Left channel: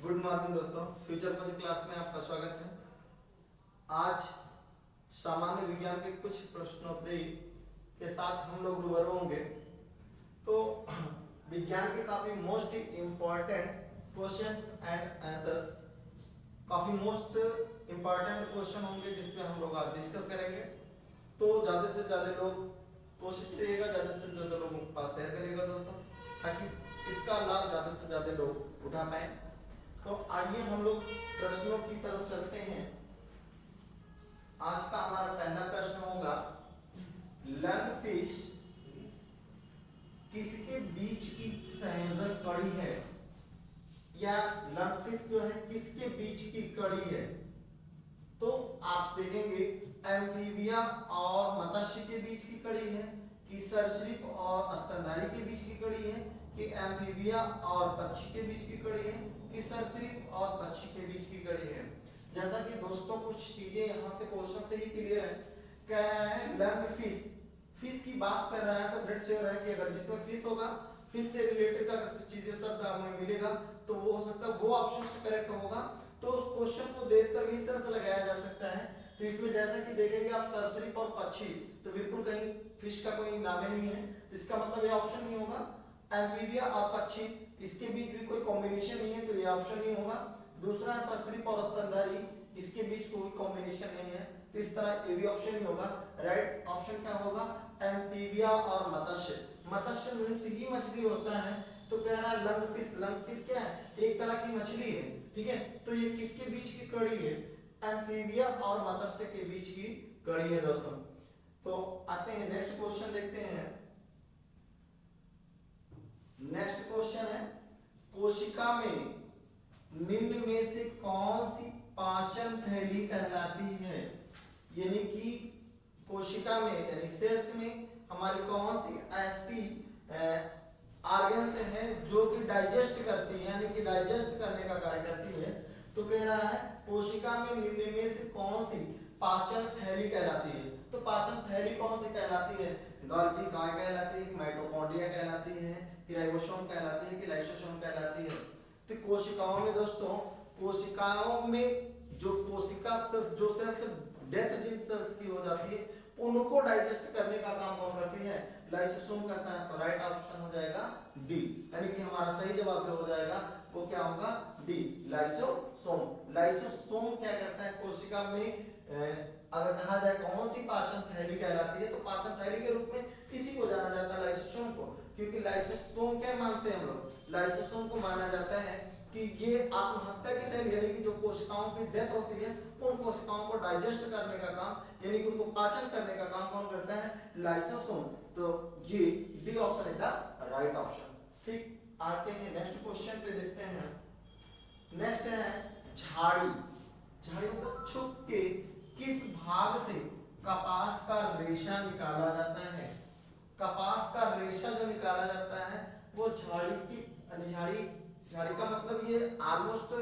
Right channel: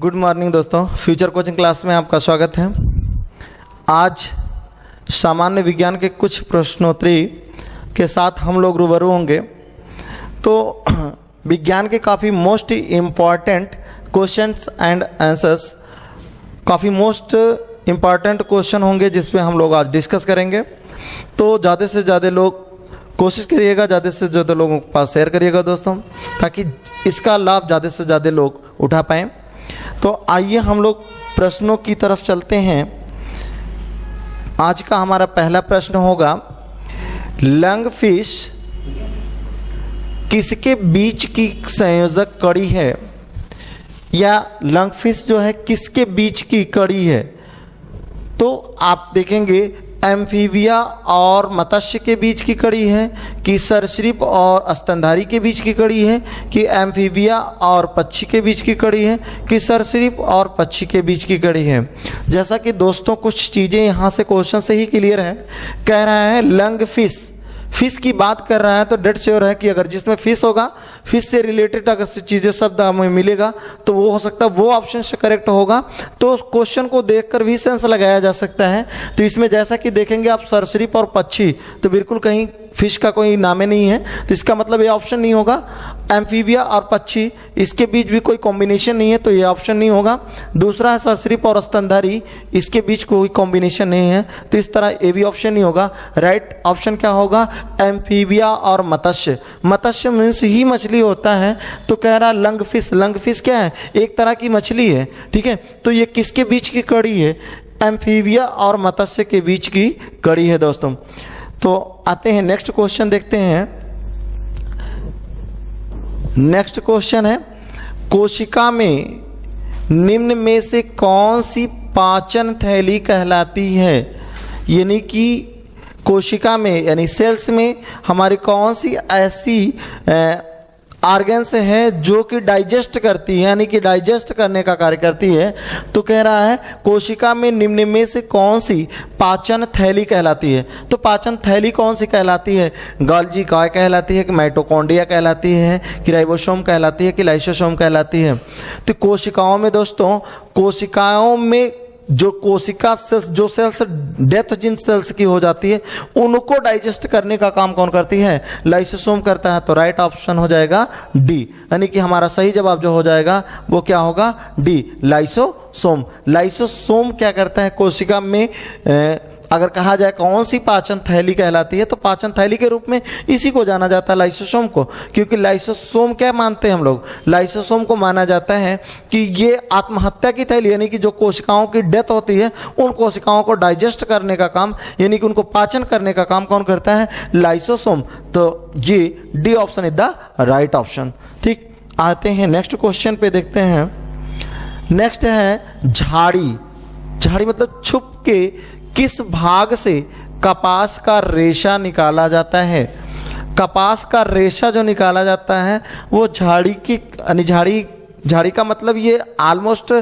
Good morning दोस्तों, future coaching class में आपका स्वागत है। आज सामान्य विज्ञान के कुछ प्रश्नोत्तरी के साथ हम लोग रूबरू होंगे। तो विज्ञान के काफ़ी most important questions and answers, काफ़ी मोस्ट इम्पॉर्टेंट क्वेश्चन होंगे जिसपे हम लोग आज डिस्कस करेंगे। तो ज़्यादा से ज़्यादा लोग कोशिश करिएगा, ज़्यादा से ज़्यादा लोगों के पास शेयर करिएगा दोस्तों, ताकि इसका लाभ ज़्यादा से ज़्यादा लोग उठा पाएँ। तो आइए हम लोग प्रश्नों की तरफ चलते हैं। आज का हमारा पहला प्रश्न होगा, लंगफिश किसके बीच की संयोजक कड़ी है, या लंगफिश जो है किसके बीच की कड़ी है। तो आप देखेंगे एम्फीबिया और मत्स्य के बीच की कड़ी है, कि सरीसृप और स्तनधारी के बीच की कड़ी है, कि एम्फीबिया और पक्षी के बीच की कड़ी है, कि सरीसृप और पक्षी के बीच की कड़ी है। जैसा कि दोस्तों कुछ चीज़ें यहाँ से क्वेश्चन से ही क्लियर है। कह रहा है लंगफिश, फिश की बात कर रहा है, तो डेट श्योर है कि अगर जिसमें फिश होगा, फिश से रिलेटेड अगर चीज़ें शब्द हमें मिलेगा तो वो हो सकता है वो ऑप्शन से करेक्ट होगा। तो क्वेश्चन को देखकर भी सेंस लगाया जा सकता है। तो इसमें जैसा कि देखेंगे आप सरीसृप और पक्षी, तो बिल्कुल कहीं फिश का कोई नामे नहीं है, तो इसका मतलब ये ऑप्शन नहीं होगा। एम्फीबिया और पक्षी, इसके बीच भी कोई कॉम्बिनेशन नहीं है, तो ये ऑप्शन नहीं होगा। दूसरा है सरीसृप और स्तनधारी, इसके बीच कोई कॉम्बिनेशन नहीं है, तो इस तरह ये भी ऑप्शन नहीं होगा। राइट ऑप्शन क्या होगा, एम्फीबिया और मत्स्य। मत्स्य मीन्स ही मछली होता है, तो कह रहा लंगफिश। लंगफिश क्या है, एक तरह की मछली है, ठीक है। तो ये किसके बीच की कड़ी है, एम्फीबिया और मत्स्य के बीच की कड़ी है दोस्तों। तो आते हैं नेक्स्ट क्वेश्चन देखते हैं। नेक्स्ट क्वेश्चन है, कोशिका में निम्न में से कौन सी पाचन थैली कहलाती है। यानी कि कोशिका में यानी सेल्स में हमारी कौन सी ऐसी ऑर्गन्स है जो कि डाइजेस्ट करती है, यानी कि डाइजेस्ट करने का कार्य करती है। तो कह रहा है कोशिका में निम्न में से कौन सी पाचन थैली कहलाती है। तो पाचन थैली कौन सी कहलाती है, गोल्जी काय कहलाती है, कि माइटोकॉन्ड्रिया कहलाती है, कि राइबोसोम कहलाती है, कि लाइसोसोम कहलाती है। तो कोशिकाओं में दोस्तों, कोशिकाओं में जो कोशिका सेल्स, जो सेल्स डेथ जिन सेल्स की हो जाती है, उनको डाइजेस्ट करने का काम कौन करती है, लाइसोसोम करता है। तो राइट ऑप्शन हो जाएगा डी, यानी कि हमारा सही जवाब जो हो जाएगा वो क्या होगा, डी, लाइसोसोम। लाइसोसोम क्या करता है, कोशिका में अगर कहा जाए कौन सी पाचन थैली कहलाती है, तो पाचन थैली के रूप में इसी को जाना जाता है, लाइसोसोम को। क्योंकि लाइसोसोम क्या मानते हैं हम लोग, लाइसोसोम को माना जाता है कि ये आत्महत्या की थैली, यानी कि जो कोशिकाओं की डेथ होती है, उन कोशिकाओं को डाइजेस्ट करने का काम, यानी कि उनको पाचन करने का काम कौन करता है, लाइसोसोम। तो ये D option is the right option. ठीक, आते हैं नेक्स्ट क्वेश्चन पे देखते हैं। नेक्स्ट है झाड़ी। झाड़ी मतलब छुप के किस भाग से कपास का रेशा निकाला जाता है। कपास का रेशा जो निकाला जाता है वो झाड़ी की, झाड़ी का मतलब ये ऑलमोस्ट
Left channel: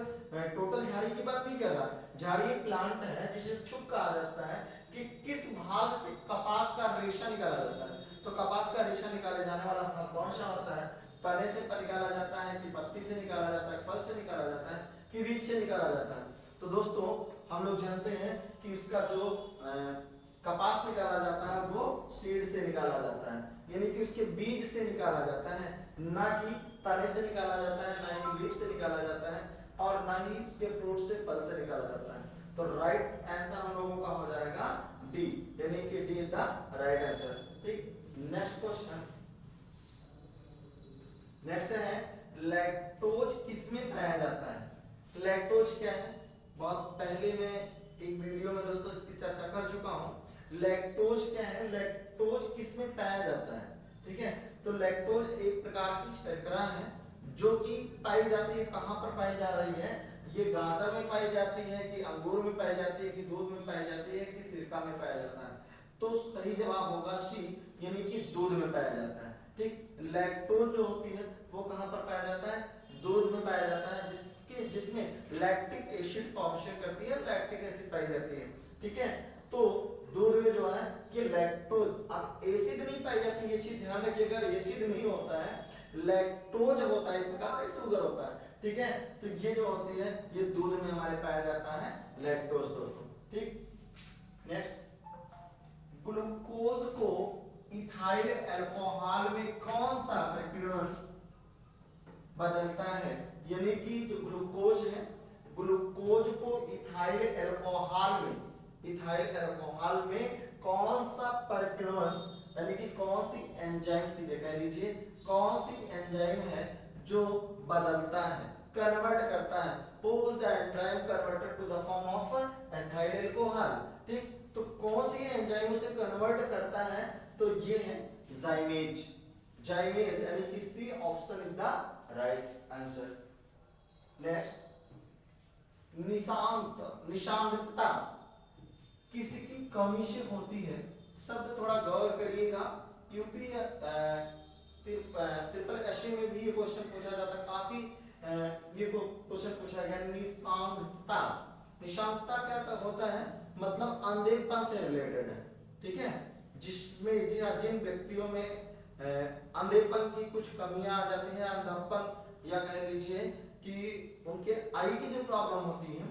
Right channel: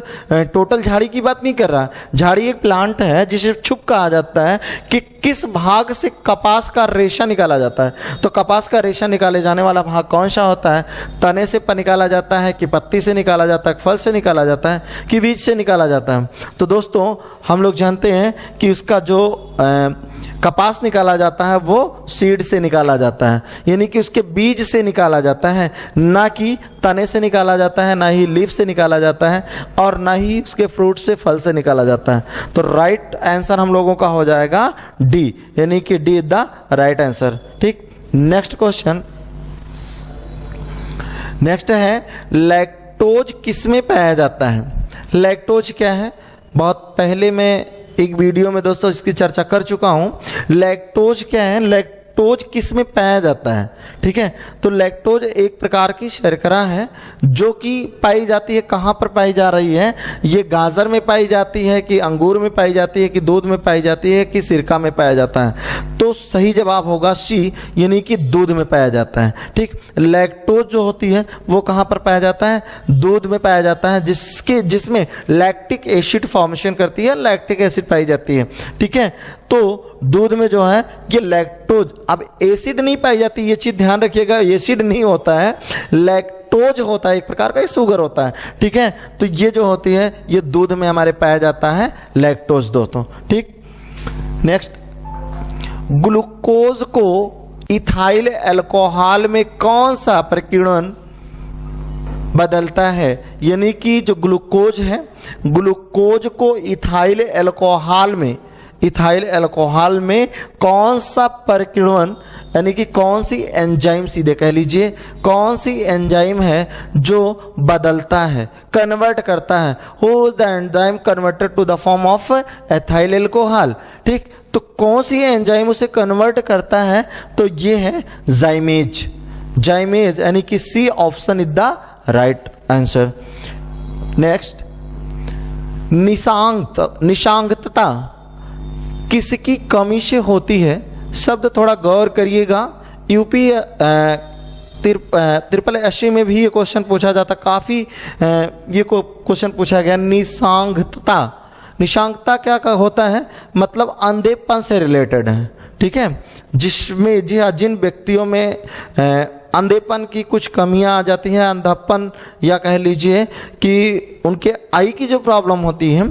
टोटल झाड़ी की बात नहीं कर रहा। झाड़ी एक प्लांट है जिसे छुप कहा जाता है कि किस भाग से कपास का रेशा निकाला जाता है। तो कपास का रेशा निकाले जाने वाला भाग कौन सा होता है, तने से निकाला जाता है, कि पत्ती से निकाला जाता है, फल से निकाला जाता है, कि बीज से निकाला जाता है। तो दोस्तों हम लोग जानते हैं कि उसका जो कपास निकाला जाता है वो सीड से निकाला जाता है, यानी कि उसके बीज से निकाला जाता है, ना कि तने से निकाला जाता है, ना ही लीफ से निकाला जाता है, और ना ही उसके फ्रूट से, फल से निकाला जाता है। तो राइट आंसर हम लोगों का हो जाएगा डी, यानी कि D is the right answer. ठीक, नेक्स्ट क्वेश्चन। नेक्स्ट है, लैक्टोज किस में पाया जाता है। लैक्टोज क्या है, बहुत पहले मैं एक वीडियो में दोस्तों इसकी चर्चा कर चुका हूं। लैक्टोज क्या है, लैक्टोज किस में पाया जाता है, ठीक है। तो लैक्टोज एक प्रकार की शर्करा है जो कि पाई जाती है, कहाँ पर पाई जा रही है, ये गाजर में पाई जाती है, कि अंगूर में पाई जाती है, कि दूध में पाई जाती है, कि सिरका में पाया जाता है। तो सही जवाब होगा सी, यानी कि दूध में पाया जाता है। ठीक, लैक्टोज जो होती है वो कहाँ पर पाया जाता है, दूध में पाया जाता है, जिसमें लैक्टिक एसिड फॉर्मेशन करती है, लैक्टिक एसिड पाई जाती है। ठीक है, तो दूध में जो है ये लैक्टोज, अब एसिड नहीं पाई जाती, ये चीज ध्यान रखिएगा, एसिड नहीं होता है, लैक्टोज लैक्टोज होता है, एक प्रकार का शुगर होता है, ठीक है। तो ये जो होती है ये दूध में हमारे पाया जाता है लैक्टोज दोस्तों, ठीक। नेक्स्ट, ग्लूकोज को इथाइल अल्कोहल में कौन सा प्रकीर्णन बदलता है? यानी कि जो ग्लूकोज है, ग्लूकोज को इथाइल अल्कोहल में कौन सा प्रकीर्णन, यानी कि कौन सी एंजाइम, सीधे कह लीजिए कौन सी एंजाइम है जो बदलता है, कन्वर्ट करता है? Who the enzyme converted to the form of ethyl alcohol, ठीक। तो कौन सी एंजाइम उसे कन्वर्ट करता है? तो ये है जाइमेज, यानी कि C option is the right answer. Next, निशांगतता किसकी कमी से होती है? शब्द थोड़ा गौर करिएगा। यूपी 8088 में भी ये क्वेश्चन पूछा जाता, काफ़ी ये क्वेश्चन पूछा गया। निशांगता क्या होता है? मतलब अंधेपन से रिलेटेड है, ठीक है। जिसमें जिन व्यक्तियों में अंधेपन की कुछ कमियां आ जाती हैं, अंधापन, या कह लीजिए कि उनके आई की जो प्रॉब्लम होती है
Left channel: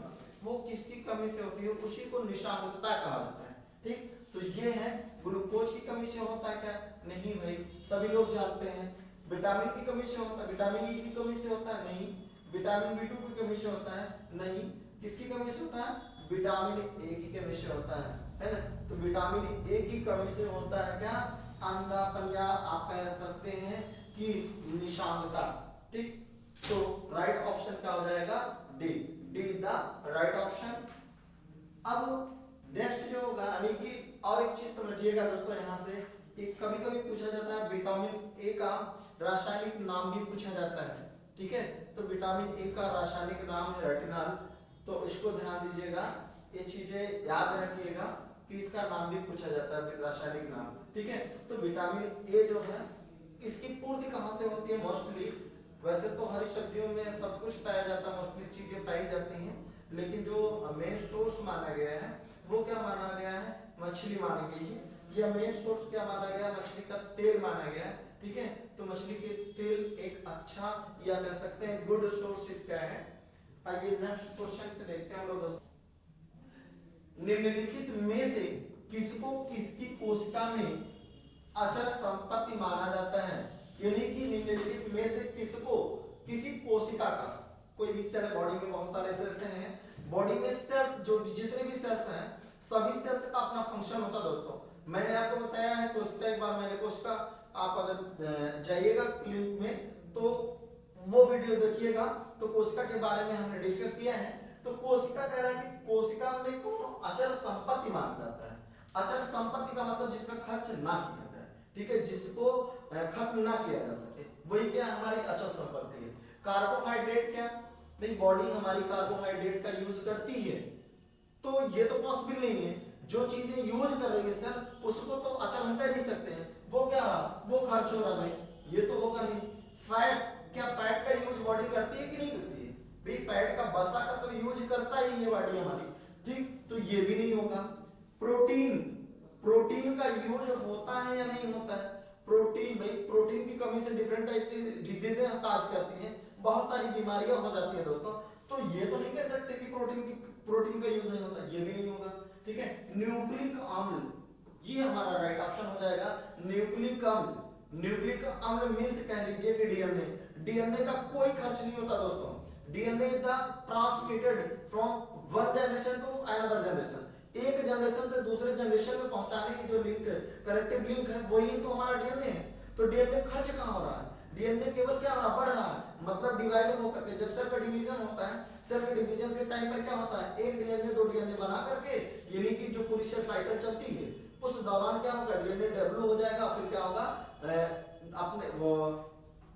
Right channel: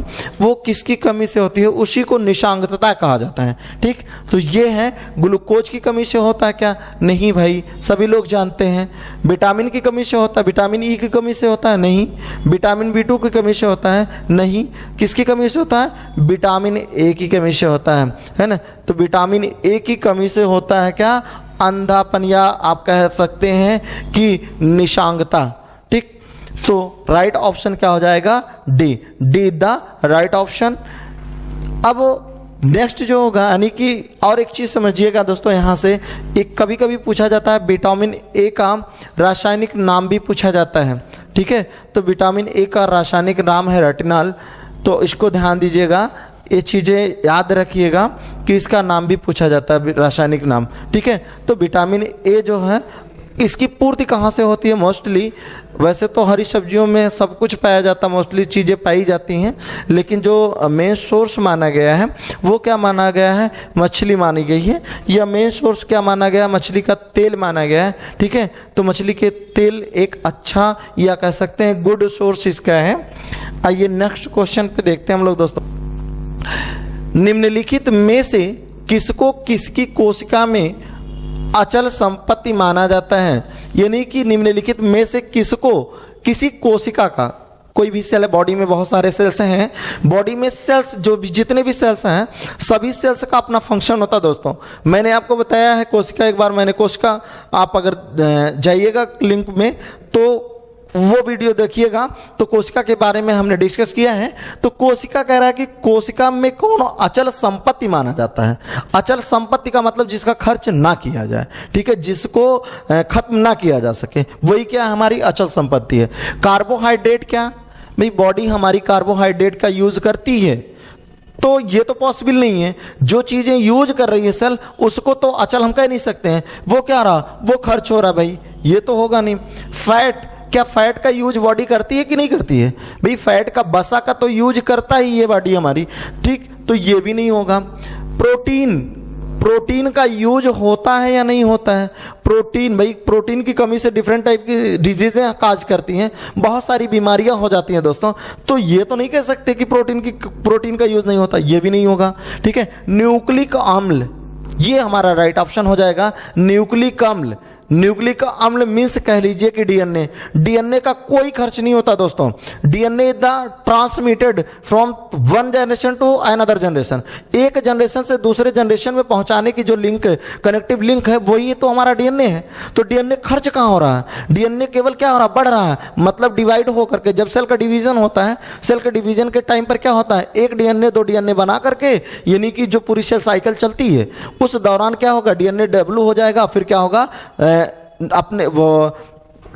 वो किसकी कमी से होती है, उसी को निशांगतता कहा जाता है, ठीक। तो ये है ग्लूकोज की कमी से होता है क्या? नहीं भाई, सभी लोग जानते हैं। विटामिन की कमी से होता है? विटामिन ई की कमी से होता है? नहीं। विटामिन B2 की कमी से होता है? नहीं। किसकी कमी से होता है? विटामिन ए की कमी से होता है ना। तो विटामिन ए की कमी से होता है क्या? अंधापन, या आप कह सकते हैं कि निशांगता, ठीक। तो राइट ऑप्शन क्या हो जाएगा? D the right option. अब नेक्स्ट जो होगा, यानी कि और एक चीज समझिएगा दोस्तों, यहां से एक कभी कभी पूछा जाता है विटामिन ए का रासायनिक नाम भी पूछा जाता है, ठीक है। तो विटामिन ए का रासायनिक नाम है रेटिनॉल, तो इसको ध्यान दीजिएगा, ये चीज़ें याद रखिएगा कि इसका नाम भी पूछा जाता है, रासायनिक नाम, ठीक है। तो विटामिन ए जो है इसकी पूर्ति कहाँ से होती है? मोस्टली वैसे तो हरी सब्जियों में सब कुछ पाया जाता है, मोस्टली चीज़ें पाई जाती हैं, लेकिन जो मेन सोर्स माना गया है वो क्या माना गया है? मछली मानी गई है। या मेन सोर्स क्या माना गया? मछली का तेल माना गया है, ठीक है। तो मछली के तेल एक अच्छा, या कह सकते हैं गुड सोर्स इसका है। आइए नेक्स्ट क्वेश्चन पे देखते हैं हम लोग दोस्तों। निम्नलिखित में से किसको किसकी कोशिका में अचल संपत्ति माना जाता है? यानी कि निम्नलिखित में से किसको किसी कोशिका का, कोई भी सेल है, बॉडी में बहुत सारे सेल्स हैं, बॉडी में सेल्स जो भी जितने भी सेल्स हैं सभी सेल्स का अपना फंक्शन होता है दोस्तों। मैंने आपको बताया है कोशिका, एक बार मैंने कोशिका, आप अगर जाइएगा लिंक में तो वो वीडियो देखिएगा, तो कोशिका के बारे में हमने डिस्कस किया है। तो कोशिका कह रहा है कि कोशिका में कौन अचल संपत्ति माना जाता है? अचल संपत्ति का मतलब जिसका खर्च ना किया जाए, ठीक है, जिसको खत्म ना किया जा सके, वही क्या हमारी अचल संपत्ति है। कार्बोहाइड्रेट, क्या भाई बॉडी हमारी कार्बोहाइड्रेट का यूज करती है, तो ये तो पॉसिबल नहीं है। जो चीजें यूज कर रही है सेल, उसको तो अचल हम कह नहीं सकते हैं। वो क्या रहा? वो खर्च हो रहा भाई, ये तो होगा नहीं। फैट, क्या फैट का यूज बॉडी करती है कि नहीं करती है? भाई फैट का, बसा का तो यूज करता ही है बॉडी हमारी, ठीक, तो ये भी नहीं होगा। प्रोटीन का यूज होता है या नहीं होता है? प्रोटीन, भाई प्रोटीन की कमी से डिफरेंट टाइप की डिजीजें काज करती हैं, बहुत सारी बीमारियां हो जाती हैं दोस्तों। तो ये तो नहीं कह सकते कि प्रोटीन का यूज नहीं होता, ये भी नहीं होगा, ठीक है। न्यूक्लिक अम्ल, ये हमारा राइट ऑप्शन हो जाएगा, न्यूक्लिक अम्ल। न्यूक्लिक अम्ल मीन्स कह लीजिए कि डीएनए का कोई खर्च नहीं होता दोस्तों। DNA the transmitted from one generation to another generation, एक जनरेशन से दूसरे जनरेशन में पहुंचाने की जो लिंक, कनेक्टिव लिंक है, वही तो हमारा डीएनए है। तो डीएनए खर्च कहाँ हो रहा है? डीएनए केवल क्या हो रहा है? बढ़ रहा है, मतलब डिवाइड होकर के। जब सेल का डिवीजन होता है, सेल के डिवीजन के टाइम पर क्या होता है? एक डीएनए 2 डीएनए बना करके, यानी कि जो पूरी सेल साइकिल चलती है उस दौरान क्या होगा? डीएनए डब्ल्यू हो जाएगा, फिर क्या होगा? अपने वो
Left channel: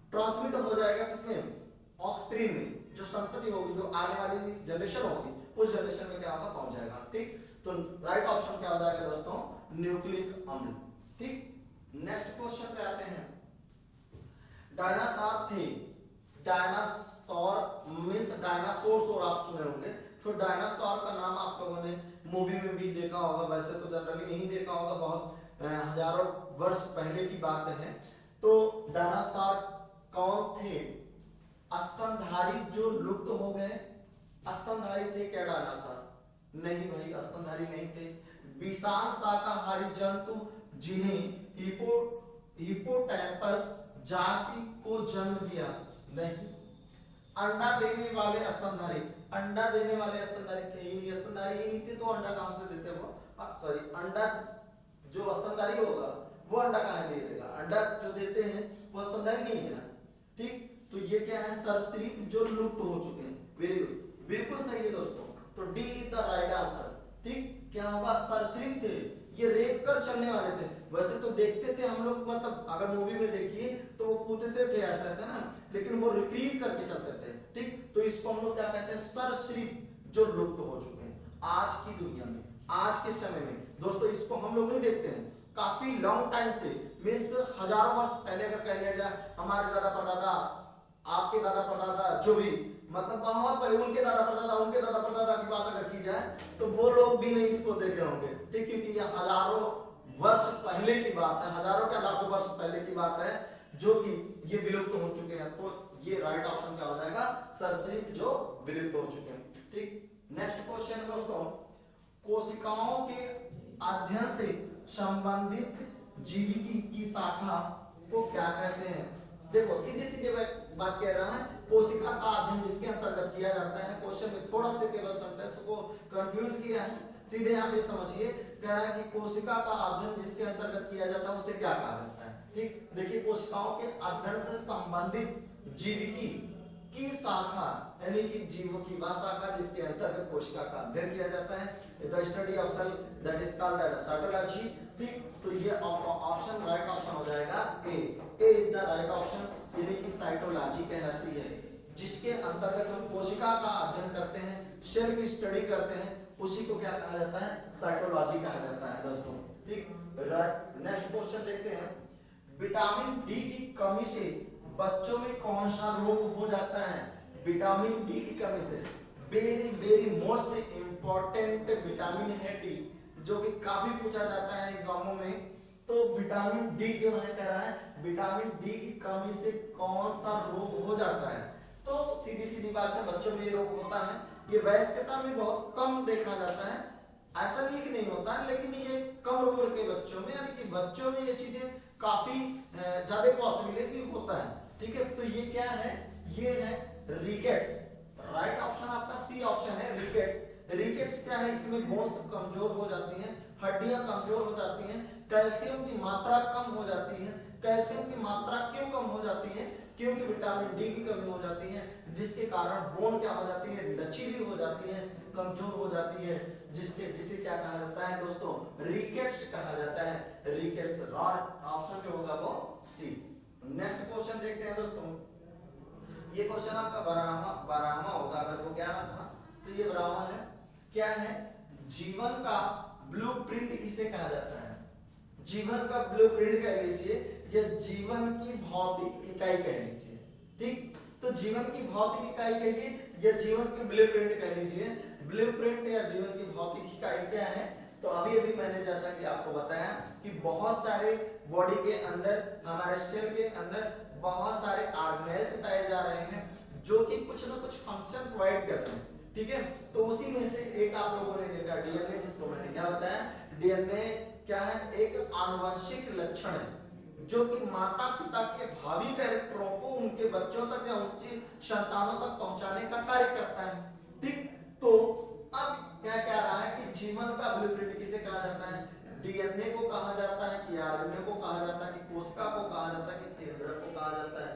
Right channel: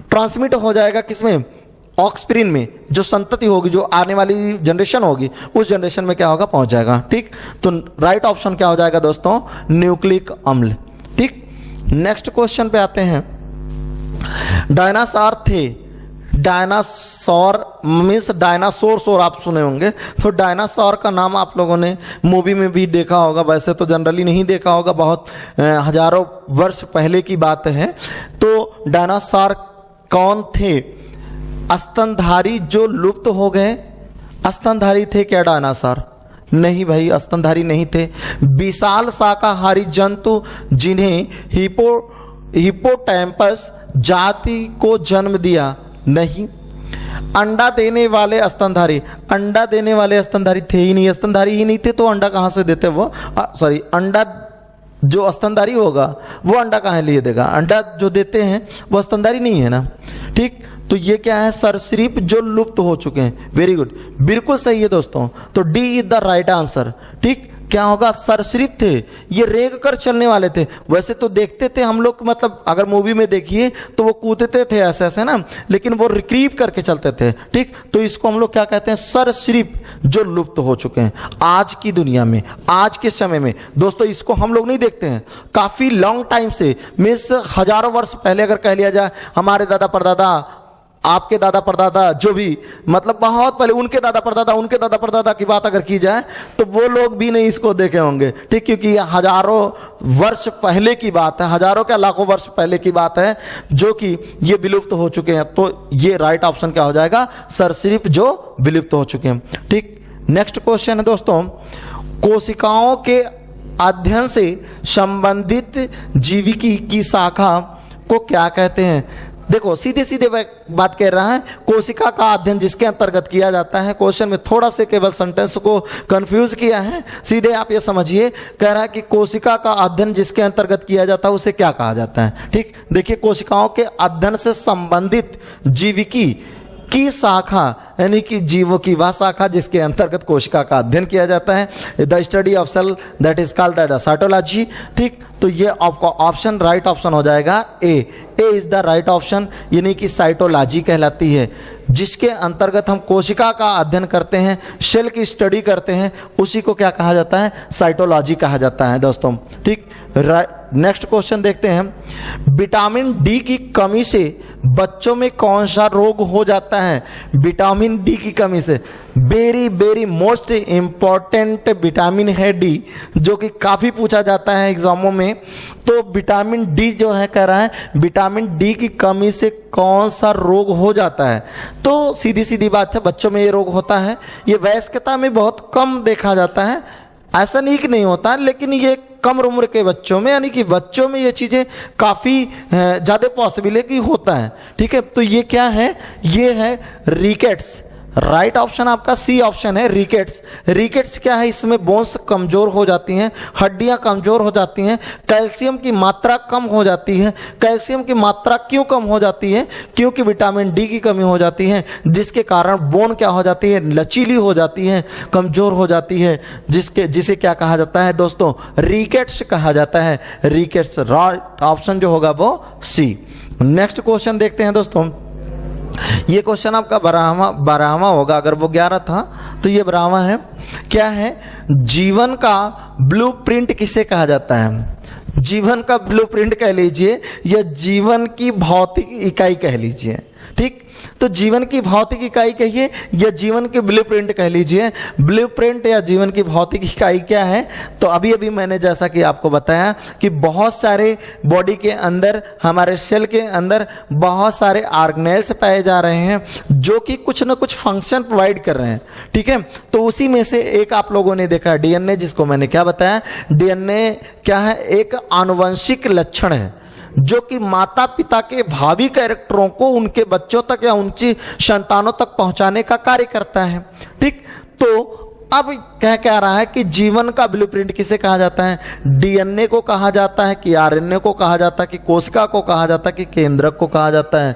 ट्रांसमिट हो जाएगा किसमें? ऑक्सप्रिन में। जो संतति होगी, जो आने वाली जनरेशन होगी, उस जनरेशन में क्या होगा? पहुंच जाएगा, ठीक। तो राइट ऑप्शन क्या हो जाएगा दोस्तों? न्यूक्लिक अम्ल, ठीक। नेक्स्ट क्वेश्चन पे आते हैं। डायनासोर थे, डायनासोर मीन्स डायनासोर आप सुने होंगे, तो डायनासोर का नाम आप लोगों ने मूवी में भी देखा होगा, वैसे तो जनरली नहीं देखा होगा, बहुत हजारों वर्ष पहले की बात है। तो डायनासोर कौन थे स्तनधारी जो लुप्त हो गए? स्तनधारी थे क्या डायनासोर? नहीं भाई, स्तनधारी नहीं थे। विशाल शाकाहारी जंतु जिन्हें हिपोटैम्पस जाति को जन्म दिया? नहीं। अंडा देने वाले स्तनधारी, अंडा देने वाले स्तनधारी थे ही नहीं, स्तनधारी ही नहीं थे तो अंडा कहाँ से देते वो? सॉरी, अंडा जो स्तनधारी होगा वो अंडा कहाँ लिए देगा? अंडा जो देते हैं वो स्तनधारी नहीं है ना। ठीक, तो ये क्या है? सरीसृप जो लुप्त हो चुके हैं। वेरी गुड, बिल्कुल सही है दोस्तों। तो D is the right answer. ठीक, क्या होगा? सरीसृप थे, ये रेंग कर चलने वाले थे। वैसे तो देखते थे हम लोग, मतलब अगर मूवी में देखिए तो वो कूदते थे ऐसे ऐसे ना, लेकिन वो रिक्रीव करके चलते थे। ठीक, तो इसको हम लोग क्या कहते हैं? सरीसृप जो लुप्त हो चुके हैं आज की दुनिया में, आज के समय में। दोस्तों इसको हम लोग नहीं देखते हैं, काफी लॉन्ग टाइम से, मीन्स हजारों वर्ष पहले अगर कह लिया जाए, हमारे दादा परदादा, आपके दादा परदादा, जो भी मतलब बहुत पहले, उनके दादा परदादा की बात अगर की जाए तो वो लोग भी नहीं इसको देखे होंगे। ठीक, क्योंकि ये हजारों वर्ष पहले की बात है, हजारों क्या लाखों वर्ष पहले की बात है, जो कि ये विलुप्त हो चुके हैं। तो ये राइट ऑप्शन क्या हो जाएगा? सरीसृप जो विलुप्त हो चुके हैं। ठीक, नेक्स्ट क्वेश्चन है दोस्तों, कोशिकाओं के अध्ययन से संबंधित जीविकी की शाखा को क्या कहते हैं? देखो सीधे सीधे बात कह रहा है, कोशिका का अध्ययन जिसके अंतर्गत किया जाता है। क्वेश्चन में थोड़ा से केवल सेंटेंस को कंफ्यूज किया है, सीधे आप ये समझिए, कह रहा है कि कोशिका का अध्ययन जिसके अंतर्गत किया जाता है उसे क्या कहा जाता है? ठीक, देखिए, कोशिकाओं के अध्ययन से संबंधित जीविकी की शाखा, यानी कि जीवों की वह शाखा जिसके अंतर्गत कोशिका का अध्ययन किया जाता है, the study of cell, that is called the cytology. ठीक, तो ये आपका ऑप्शन राइट ऑप्शन हो जाएगा A is the right option, यानी कि साइटोलॉजी कहलाती है, जिसके अंतर्गत हम कोशिका का अध्ययन करते हैं, सेल की स्टडी करते हैं, उसी को क्या कहा जाता है? साइटोलॉजी कहा जाता है दोस्तों। ठीक, नेक्स्ट क्वेश्चन देखते हैं, विटामिन डी की कमी से बच्चों में कौन सा रोग हो जाता है? विटामिन डी की कमी से very very most important vitamin है डी, जो कि काफ़ी पूछा जाता है एग्जामों में। तो विटामिन डी जो है, कह रहा है विटामिन डी की कमी से कौन सा रोग हो जाता है? तो सीधी सीधी बात है, बच्चों में ये रोग होता है। ये वयस्कता में बहुत कम देखा जाता है, ऐसा नहीं कि नहीं होता, लेकिन ये कम उम्र के बच्चों में, यानी कि बच्चों में ये चीज़ें काफ़ी ज़्यादा पॉसिबल है कि होता है। ठीक है, तो ये क्या है? ये है रिकेट्स। राइट ऑप्शन आपका सी ऑप्शन है, रिकेट्स। रिकेट्स क्या है? इसमें बोन्स कमजोर हो जाती हैं, हड्डियां कमजोर हो जाती हैं, कैल्शियम की मात्रा कम हो जाती है। कैल्शियम की मात्रा क्यों कम हो जाती है? क्योंकि विटामिन डी की कमी हो जाती है, जिसके कारण बोन क्या हो जाती है? लचीली हो जाती है, कमजोर हो जाती है, जिसे क्या कहा जाता है दोस्तों? रिकेट्स कहा जाता है। रिकेट्स राइट ऑप्शन जो होगा वो सी। नेक्स्ट क्वेश्चन देखते हैं दोस्तों, ये क्वेश्चन आपका 12वां होगा, अगर वो 11 था तो ये 12वां है। क्या है? जीवन का ब्लूप्रिंट किसे कहा जाता है? जीवन का ब्लूप्रिंट कह लीजिए या जीवन की भौतिक इकाई कह लीजिए। ठीक, तो जीवन की भौतिक इकाई कहिए या जीवन के ब्लूप्रिंट कह लीजिए। ब्लूप्रिंट या जीवन की भौतिक इकाई क्या है? तो अभी अभी मैंने जैसा कि आपको बताया कि बहुत सारे बॉडी के अंदर, हमारे सेल के अंदर बहुत सारे ऑर्गेनेल्स पाए जा रहे हैं जो कि कुछ ना कुछ फंक्शन प्रोवाइड कर रहे हैं। ठीक है, तो उसी में से एक आप लोगों ने देखा डीएनए, जिसको मैंने क्या बताया? डीएनए क्या है? एक आनुवंशिक लक्षण है जो कि माता पिता के भावी कैरेक्टरों को उनके बच्चों तक या उनकी संतानों तक पहुंचाने का कार्य करता है। ठीक, तो अब कह रहा है कि जीवन का ब्लूप्रिंट किसे कहा जाता है? डीएनए को कहा जाता है कि आरएनए को कहा जाता है कि कोशिका को कहा जाता है कि केंद्रक को कहा जाता है?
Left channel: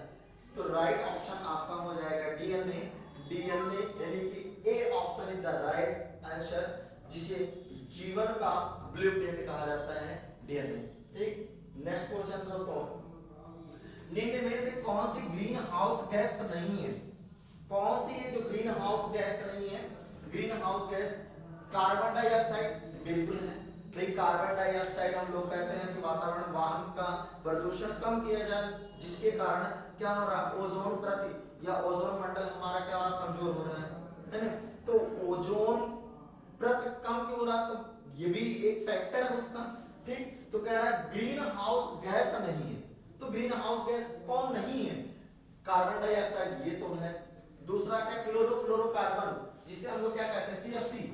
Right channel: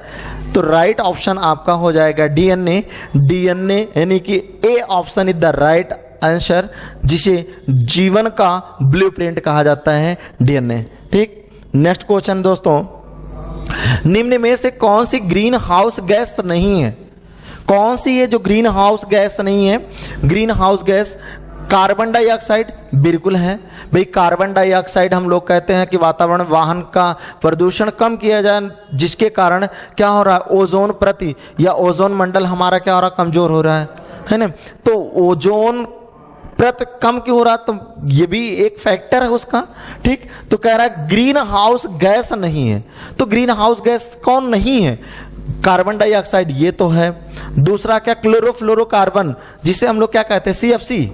तो राइट ऑप्शन आपका हो जाएगा डीएनए। डीएनए यानी कि A option is the right answer, जिसे जीवन का ब्लूप्रिंट कहा जाता है, डीएनए। ठीक, नेक्स्ट क्वेश्चन दोस्तों, निम्न में से कौन सी ग्रीन हाउस गैस नहीं है? कौन सी है जो ग्रीन हाउस गैस नहीं है? Green house gas carbon dioxide बिल्कुल है भाई। कार्बन डाइऑक्साइड हम लोग कहते हैं कि वातावरण, वाहन का प्रदूषण कम किया जाए, जिसके कारण क्या हो रहा है? ओजोन प्रति या ओजोन मंडल हमारा क्या हो रहा है? कमजोर हो रहा है ना। तो ओजोन प्रत कम क्यों हो रहा? तो ये भी एक फैक्टर है उसका। ठीक, तो कह रहा है ग्रीन हाउस गैस नहीं है। तो ग्रीन हाउस गैस कौन नहीं है? कार्बन डाइऑक्साइड ये तो है। दूसरा क्या, क्लोरोफ्लोरोकार्बन, जिसे हम लोग क्या कहते हैं, CFC,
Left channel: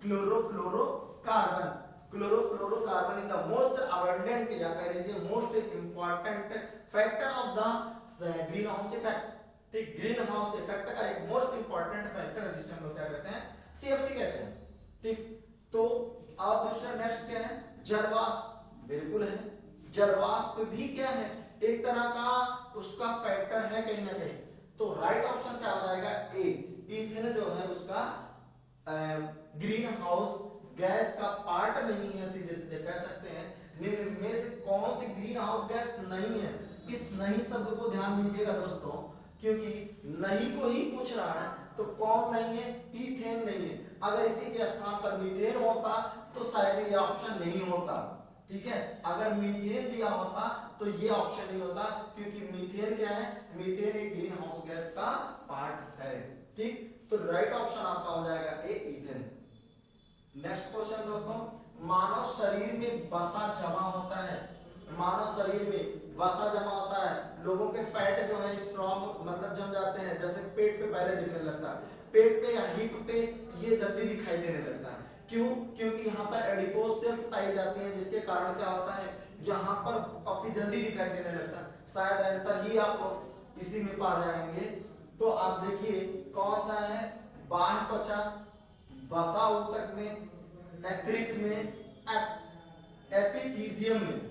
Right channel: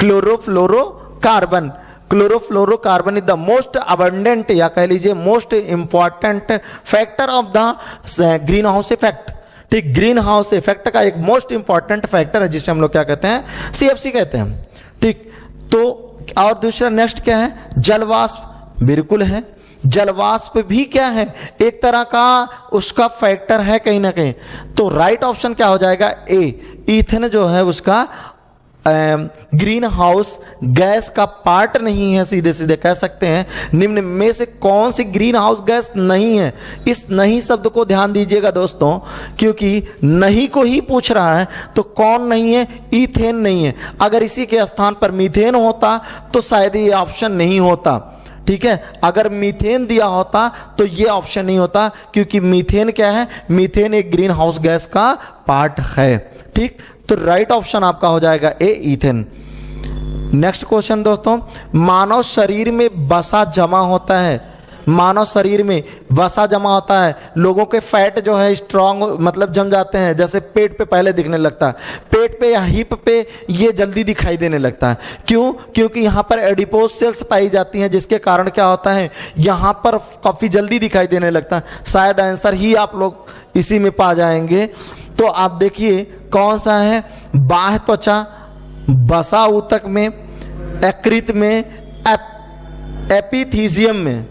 chlorofluorocarbon. Chlorofluorocarbon is the most abundant या कह लीजिए most important factor of the green house effect. ठीक, ग्रीन हाउस इफेक्ट का एक मोस्ट इंपॉर्टेंट फैक्टर है जिसे हम लोग क्या कहते हैं, CFC कहते हैं। ठीक, तो और दूसरा नेक्स्ट क्या है, जलवाष्प, बिल्कुल है। जलवाष्प भी क्या है, एक तरह का उसका फैक्टर है कहीं ना कहीं। तो राइट ऑप्शन क्या हो जाएगा, ए, ईथन जो है उसका ग्रीन हाउस गैस का पार्ट नहीं है, सीधे सीधे कह सकते हैं। निम्न में से कौन सी ग्रीन हाउस गैस नहीं है? इस नहीं शब्द को ध्यान दीजिएगा दोस्तों, क्योंकि नहीं को ही पूछ रहा है। तो कौन नहीं है, ईथेन नहीं है। अगर इसी के स्थान पर मीथेन होता तो शायद ये ऑप्शन नहीं होता। ठीक है, अगर मीथेन दिया होता तो ये ऑप्शन नहीं होता, क्योंकि मीथेन क्या है, मीथेन एक ग्रीन हाउस गैस का पार्ट है। ठीक, तो राइट ऑप्शन आपका हो जाएगा ए, ईथेन। नेक्स्ट क्वेश्चन दोस्तों, मानव शरीर में वसा जमा होता है, मानव शरीर में वसा जमा होता है। लोगों के फैट जो है स्ट्रांग मतलब जम जाते हैं, जैसे पेट पे पहले दिखने लगता है, पेट पे या हिप पे ये जल्दी दिखाई देने लगता है। क्यों? क्योंकि यहाँ पर एडिपोज सेल्स पाई जाती हैं, जिसके कारण क्या होता है, यहाँ पर काफ़ी जल्दी दिखाई देने लगता है। शायद आंसर ही आप लोग इसी में पा जाएंगे। तो आप देखिए कौन सा है, बाह्य त्वचा, वसा ऊतक में, यकृत में, एपिथीजियम में।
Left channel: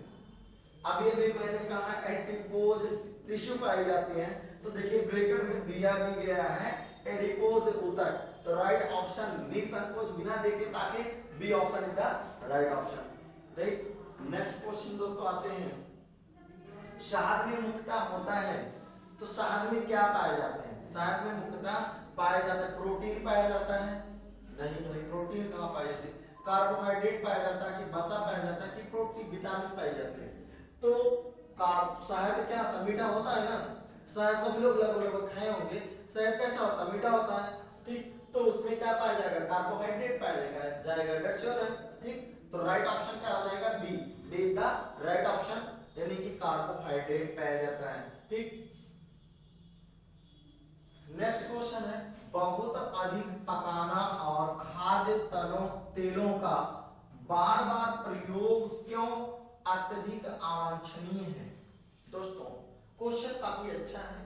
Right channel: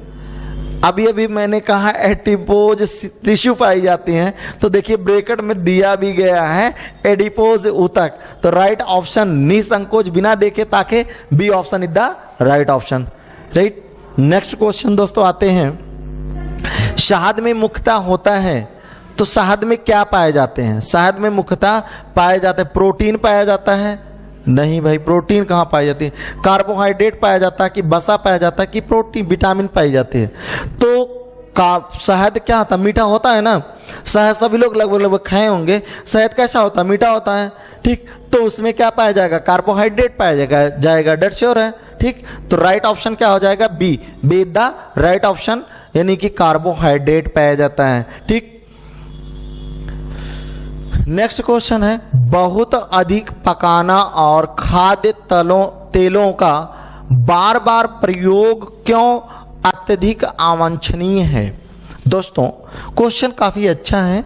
अभी अभी मैंने कहा एडिपोज टिश्यू पाई जाती हैं, तो देखिए ब्रैकेट में दिया भी गया है एडिपोज ऊतक। तो राइट ऑप्शन निसंकोच बिना देखे ताके B option is the right option. Right, next question दोस्तों आते हैं, शहद में मुख्यतः होता है, तो शहद में क्या पाए जाते हैं? शहद में मुख्यतः पाए जाते हैं, प्रोटीन पाया जाता है? नहीं भाई, प्रोटीन कहाँ पाई जाती है? कार्बोहाइड्रेट पाया जाता है कि वसा पाया जाता है कि प्रोटीन विटामिन पाई जाती है? तो शहद क्या होता है, मीठा होता है ना। शहद सभी लोग लगभग खाए होंगे। शहद कैसा होता है, मीठा होता है। ठीक, तो उसमें क्या पाया जाएगा, कार्बोहाइड्रेट पाया जाएगा, डेट श्योर है। ठीक, तो राइट ऑप्शन क्या हो जाएगा, B, B the right option, यानी कि कार्बोहाइड्रेट पाया जाता है। ठीक, नेक्स्ट क्वेश्चन है, बहुत अधिक पकाना और खाद्य तेलों का बार बार प्रयोग क्यों अत्यधिक अवांछनीय है? दोस्तों क्वेश्चन काफी अच्छा है।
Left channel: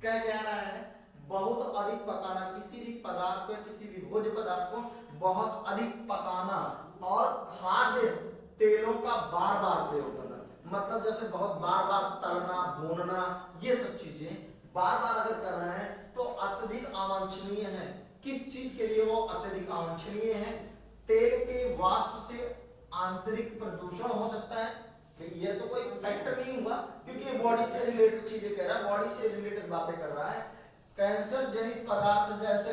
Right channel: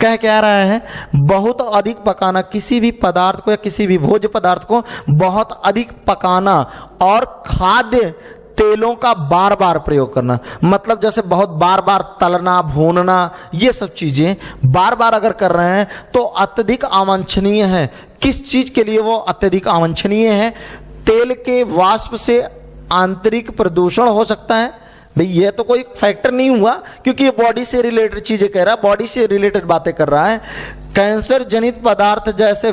कह रहा है बहुत अधिक पकाना, किसी भी पदार्थ को या किसी भी भोज्य पदार्थ को बहुत अधिक पकाना और खाद्य तेलों का बार बार प्रयोग करना, मतलब जैसे बहुत बार बार तलना, भूनना, ये सब चीजें बार बार अगर कर रहे हैं तो अत्यधिक अवांछनीय है। किस चीज के लिए वो अत्यधिक अवांछनीय है? तेल के वाष्प से आंतरिक प्रदूषण हो सकता है। भाई ये तो कोई फैक्टर नहीं हुआ, क्योंकि ये बॉडी से रिलेटेड चीजें कह रहा है, बॉडी से रिलेटेड बातें कर रहा है। कैंसर जनित पदार्थ जैसे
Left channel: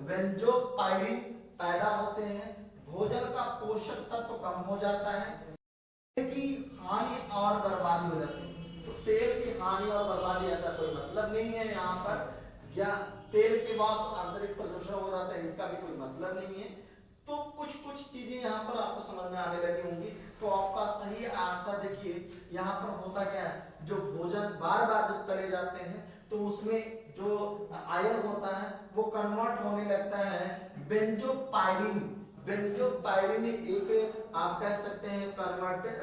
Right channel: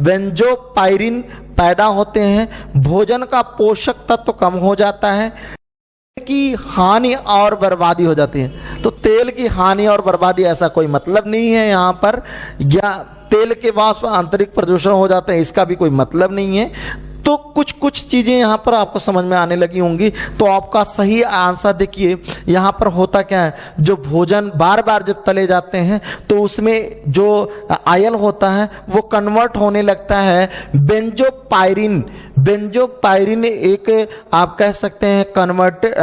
वेंजोपायरिन पैदा होते हैं, भोजन का पोषक तत्व कम हो जाता है, की हानि और बर्बादी हो जाती है। तो तेल की हानि और बर्बादी ऐसा कोई मतलब नहीं है यहाँ पर, या तेल के वाष्प आंतरिक प्रदूषण हो जाते हैं इसका भी कोई मतलब नहीं है। तो कुछ चीज़ें यहाँ पर आपको समझ में आने लगी होंगी। तो आपका सही आंसर देखिए, यहाँ पर होता क्या है, जो भोजन बार बार जब तले जाते हैं तो उसमें जो आयल होता है वो कन्वर्ट होने लगता है बेंजोपायरिन। बेंजोपायरिन एक आप कह सकते हैं कन्वर्टेड,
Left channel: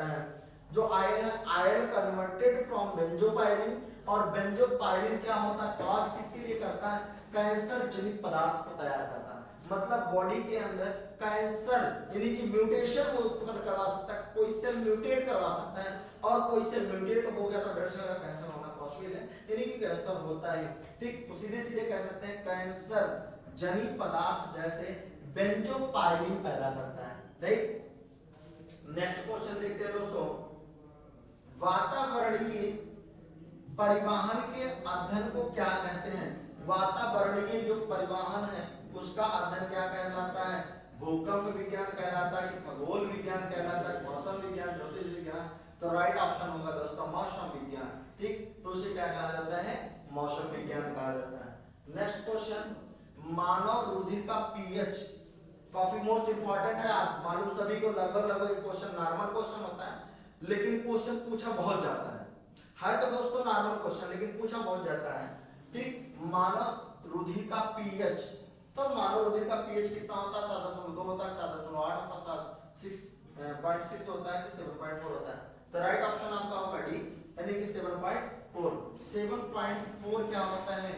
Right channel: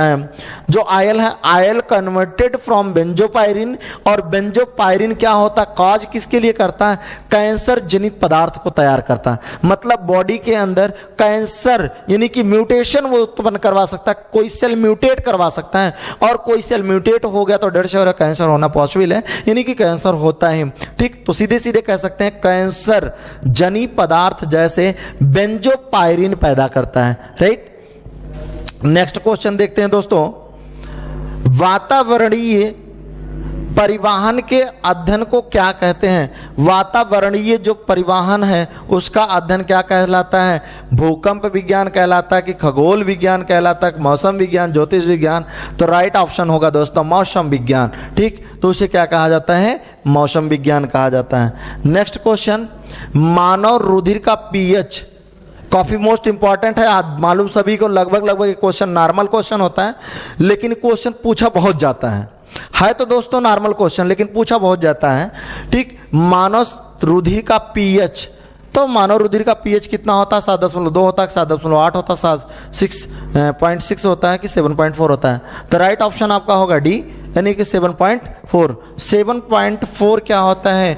जो आयल है आयल कन्वर्टेड फ्रॉम बेंजोपायरिन। और बेंजोपायरिन क्या होता है, कॉज किसके लिए करता है, कैंसर जनित पदार्थ को तैयार करता है। मतलब बॉडी के अंदर कैंसर यानी कि म्यूटेशन वो उत्पन्न करवा सकता है, कोई सेल म्यूटेट करवा सकता है, और कोई सेल म्यूटेट हो गया तो 150 कैंसर होना पॉसिबल है, यानी कि कैंसर होता है। ठीक, तो सीधे सीधे कह सकते हैं कैंसर जनित पदार्थ जैसे बेंजोपायरिन पैदा करता है। राइट, नेक्स्ट क्वेश्चन देखते हैं दोस्तों, वातावरणीय परिवहन के अध्ययन को क्या कहते हैं? वातावरणीय जो परिवहन है उसका अध्ययन क्या कहलाता है? भूकंप विज्ञान कहलाता है कि खगोल विज्ञान कहलाता है, मौसम विज्ञान, ज्योतिष विज्ञान? तो राइट ऑप्शन होगा दोस्तों मौसम विज्ञान। ठीक, तो उसे क्या कहा जाता है, मौसम विज्ञान कहा जाता है। नेक्स्ट क्वेश्चन, मानव रुधिर का पीएच काफी मोस्ट इंपॉर्टेंट है। आज मालूम सभी को लगभग ये क्वेश्चन नॉर्मल क्वेश्चन होता है, लेकिन क्वेश्चन पूछा बहुत जाता है। है तो दोस्तों नॉर्मल क्वेश्चन, लेकिन पूछा बहुत जाता है। ठीक, मानव रुधिर का पीएच, तो मानव रुधिर का पीएच कितना होता है? 7.2 होता है, 7.8 होता है, 6.6 होता है कि 7.4 होता है? तो राइट ऑप्शन आपका होगा डी, यानी कि 7.4। 7.4 क्या होता है?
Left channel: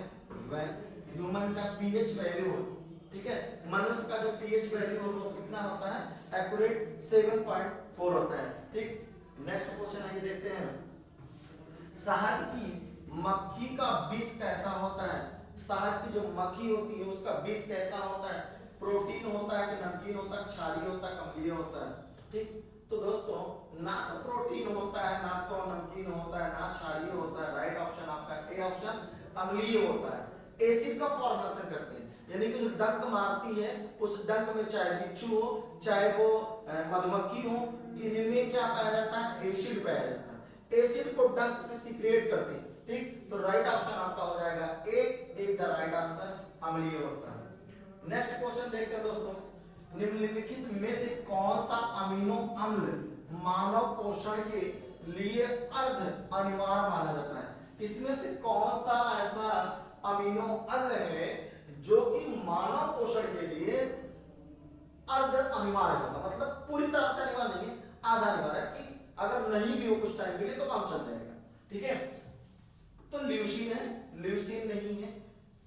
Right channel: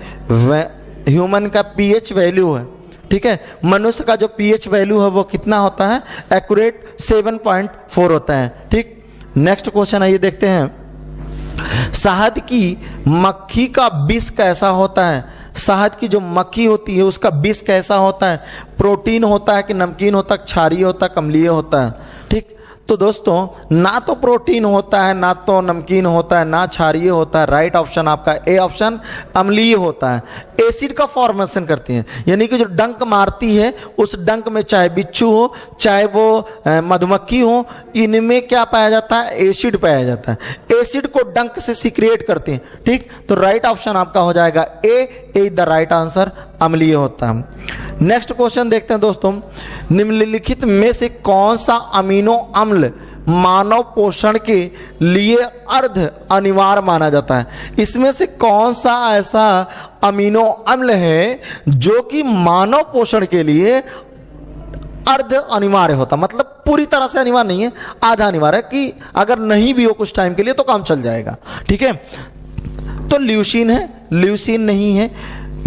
ह्यूमन का पीएच वैल्यू है। ठीक है, मनुष्य का जो पीएच वैल्यू है वो कितना होता है? एक्यूरेट 7.4 होता है। ठीक, नेक्स्ट क्वेश्चन आइए देखते हैं। शहद की मक्खी का विष कैसा होता है? शहद की जो मक्खी होती है उसका विष कैसा होता है? प्रोटीन होता है कि नमकीन होता है, क्षारीय होता है, अम्लीय होता है? ठीक, तो दोस्तों ना तो प्रोटीन होता है, ना तो नमकीन होता है, ना क्षारीय होता है। राइट ऑप्शन आपका ए ऑप्शन अम्लीय होता है। एसिड का फॉर्मेशन करती हैं, यानी कि जो डंक मारती है उस डंक में चाहे बिच्छू हो चाहे वो मधुमक्खी हो, इनमें क्या पाया जाता है? एसिड पाया जाता है। एसिड को डंक से सीक्रेट करते हैं। ठीक, तो राइट ऑप्शन आपका हो जाएगा A is the right answer, अम्लीय होता है। नेक्स्ट क्वेश्चन देखते हैं दोस्तों। निम्नलिखित में से कौन सा अमीनो अम्ल मानव पोषण के लिए अर्ध अनिवार्य माना जाता है? इसमें से कौन सा ऐसा अमीनो अम्ल है जो कि मानव पोषण के लिए अर्ध अनिवार्य होता, मतलब पूरी तरह से अनिवार्य नहीं है, आधा अनिवार्य है कि अगर नहीं भी हो कुछ टाइम के लिए तो काम चल जाएगा। ठीक है, तो ल्यूसीन है, ल्यूसीन नहीं है,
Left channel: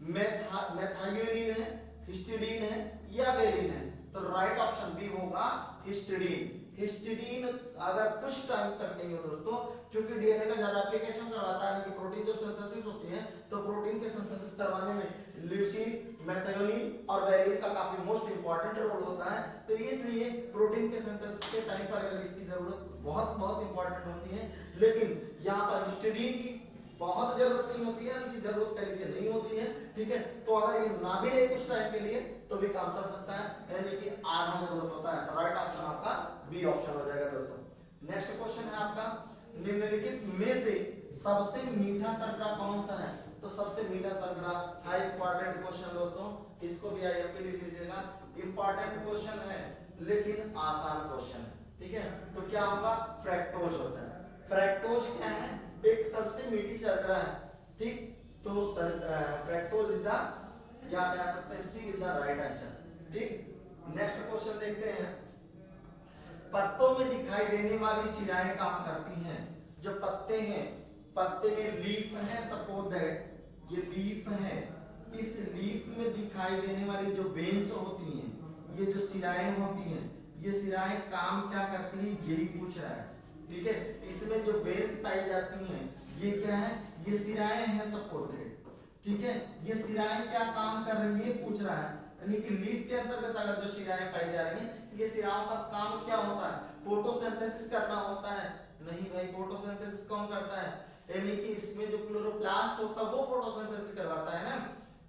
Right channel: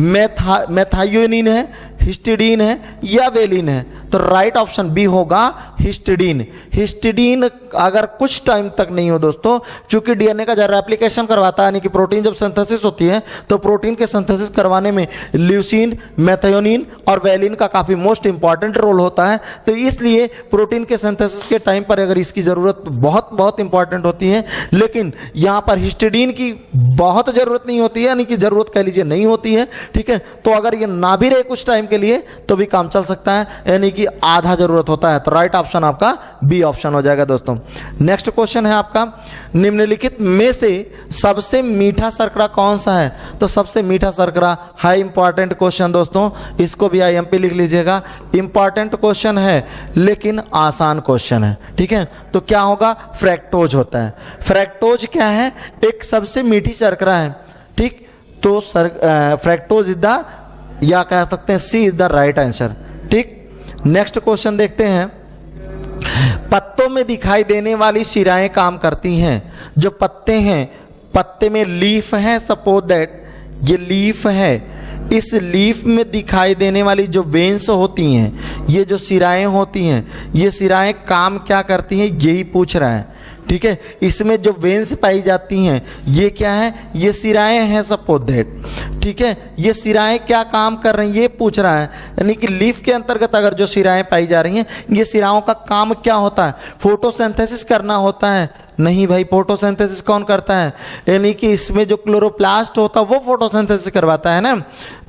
मेथायोनिन है, हिस्टिडीन है या वेलिन है? तो राइट ऑप्शन बी होगा हिस्टिडीन। हिस्टिडीन अगर कुछ टाइम तक नहीं हो दोस्तों, चूंकि डीएनए का जब रेप्लिकेशन करवाता है, यानी कि प्रोटीन जब सिंथेसिस होती है तो प्रोटीन के सिंथेसिस करवाने में ल्यूसीन, मेथायोनिन और वेलिन का काफी मोस्ट इंपॉर्टेंट रोल होता है। तो इसलिए प्रोटीन के सिंथेसिस के टाइम पर अगर इसकी जरूरत बहुत बहुत इंपॉर्टेंट होती है, लेकिन यहाँ पर हिस्टिडीन की बहुत जरूरत नहीं होती है, यानी कि जरूरत कह लीजिए नहीं होती है। ठीक है, तो अगर ये ना भी रहे कुछ टाइम के लिए तो भी काम चल सकता है, यानी कि आधा जरूरत होता है। तो राइट ऑप्शन आपका बी ऑप्शन हो जाएगा दोस्तों। नेक्स्ट क्वेश्चन है आपका, निम्नलिखित में से सबसे मीठा शर्करा कौन सा है? तो सबसे मीठा शर्करा, हाई इंपॉर्टेंट क्वेश्चन दोस्तों, इसको भी आईएमपी लिख लीजिएगा। इंपॉर्टेंट क्वेश्चन है लेकिन आसान क्वेश्चन है। ठीक है, तो क्या होगा? फ्रैक्टोज होता है। फ्रैक्टोज क्या है? एक सबसे मीठी शर्करा है। ठीक, तो फ्रैक्टोज इज द, या कह सकते हैं सी इज द राइट आंसर। ठीक, नेक्स्ट क्वेश्चन देखते हैं। पत्तों में दिखाई देने वाली शिराएं काम करती हैं। जो पत्ते हैं, पत्ते में लीफ है, सपोज दैट ये लीफ है, इस लीफ में दिखाई देने वाली जो वेन्स होती हैं, ये जो शिराएं होती हैं, ये शिराएं काम क्या करती हैं, यही पूछ रहा है। ठीक है, इसमें जो वेन्स पाई जाती हैं ये क्या है? ये शिराएं हैं, सपोज दैट। ठीक है, ये शिराएं क्या काम कर रही हैं ये पूछ रहा है, यानी कि लीफ के अंतर्गत अगर जो शिराएं पाई जा रही हैं, ये शिराओं का काम क्या होता है? फोटोसिंथेसिस करना होता है? नहीं भाई, फोटोसिंथेसिस कौन करता है? यानी कि इसमें जो क्लोरोप्लास्ट होता है वो फोटोसिंथेसिस करवाता है ना,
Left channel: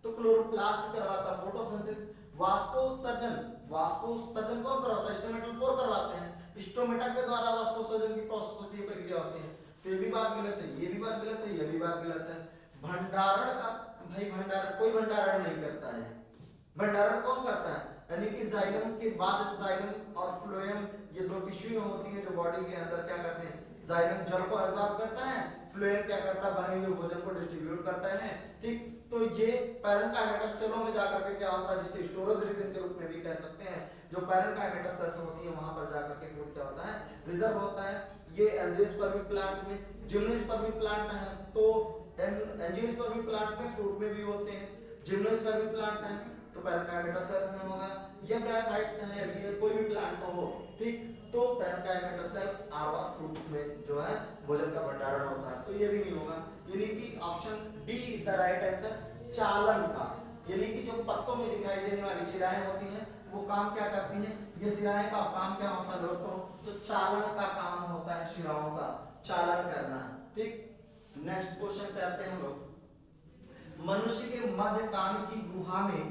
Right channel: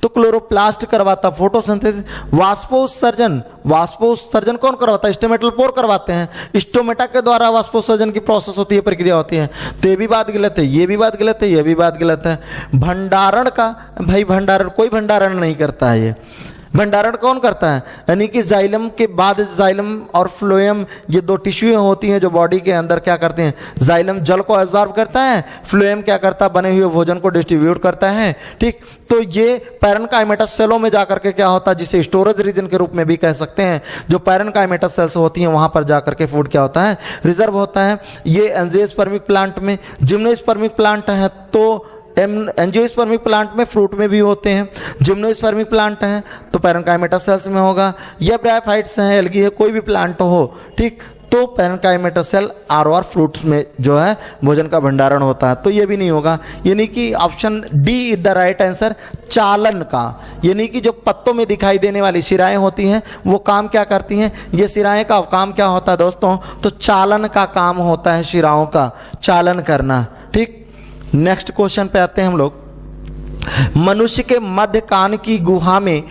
तो क्लोरोप्लास्ट करवाता फोटोसिंथेसिस। वाष्पोत्सर्जन, वाष्पोत्सर्जन कौन करवाता है? स्टोमेटल पोर करवाते हैं। स्टोमेटा के द्वारा वाष्पोत्सर्जन की प्रोसेस होती है, प्रक्रिया होती है। तो ये भी बात गलत है, ये भी बात गलत है, ये भी बात गलत है। भंडारण का, भाई भंडारण, कोई भंडारण नहीं करता है। ये भंडारण कौन करता है? यानी कि जाइलम के बाद, जाइलम और फ्लोएम ये दो टिश्यू होती हैं जो बॉडी के अंदर क्या करते हैं? जाइलम जल को एब्जॉर्ब करता है, फ्लोएम क्या करता है? बने हुए भोजन को डिस्ट्रीब्यूट करता है। ठीक, तो ये पैरेन्काइमेटस सेलों में जाकर के क्या होता है, जिसे स्टोरेज रीजन के रूप में भी कह सकते हैं, जो पैरेन्काइमेटस सेल्स होती हैं वहां पर जाकर के फूड क्या होता है? रिजर्व होता है। ये एंजियोस्पर्मिक प्लांट में, जिम्नोस्पर्मिक प्लांट है तो एंजियोस्पर्मिक प्लांट में, फ्रूट में भी होते हैं। जिम्नोस्पर्मिक प्लांट है तो पैरेन्काइमेटस सेल्स में होगा, या ब्रायोफाइट्स हैं, एल्गी है, कोई भी प्लांट हो, ठीक, तो पैरेन्काइमेटस सेल आर फ्रूट्स में जो है भोजन का भंडारण होता है। तो ये भी नहीं होगा, यानी कि option D is the right answer, चालन का। यानी कि जो पत्तों में दिखाई देने वाली शिराएं होती हैं वो काम क्या करती हैं? ये शिराएं का काम क्या होता है दोस्तों? तो चालन का काम होता है, शिराओं का चालन करना। ठीक, नेक्स्ट क्वेश्चन पे आते हैं हम लोग। मनुष्य के मध्य कान की गुहा में